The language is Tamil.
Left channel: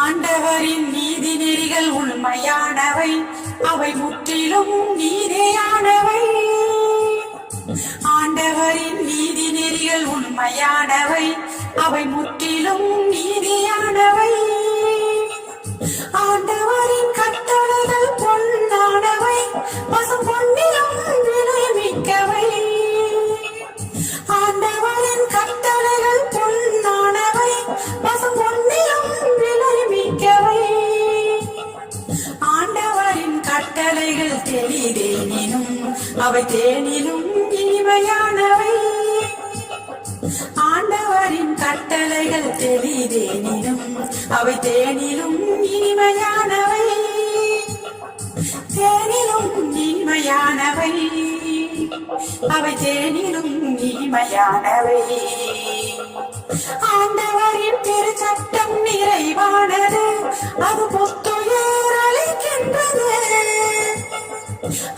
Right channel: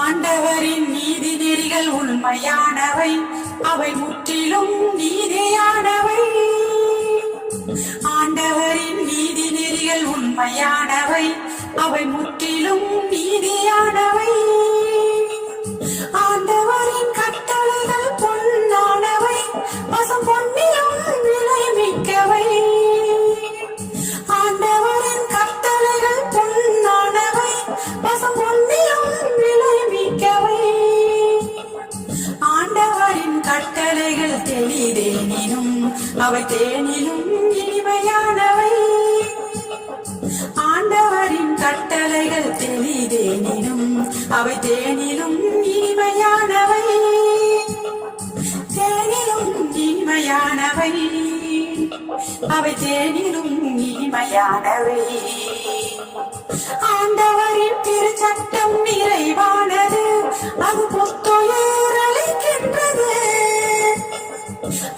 ஆண்டவரின் நீதி நெறிகள் உண்மையானவை, அவை முற்றிலும் நீதியானவை. ஆண்டவரின் நீதி நெறிகள் உண்மையானவை, அவை முற்றிலும் நீதியானவை. ஆண்டவரின் கட்டளைகள் பொன்னானவை, பசும் பொன்னிலும் விலை மிக்கவை. ஆண்டவரின் கட்டளைகள் பொன்னானவை, பசும் பொன்னிலும் விலை மிக்கவை. ஆண்டவரின் கட்டளைகள் தெளிதேனினும் அவை தேனிலும் இனிமையானவை. ஆண்டவரின் கட்டளைகள் தெளிதேனினும் அவை தேனிலும் இனிமையானவை. தேனிலும் இனிமையானவை, அவை தேனிலும் இனிமையானவை. ஆண்டவரின் திருச்சட்டம் நிறைவானது, அது புத்துயிர் அளிக்கின்றது.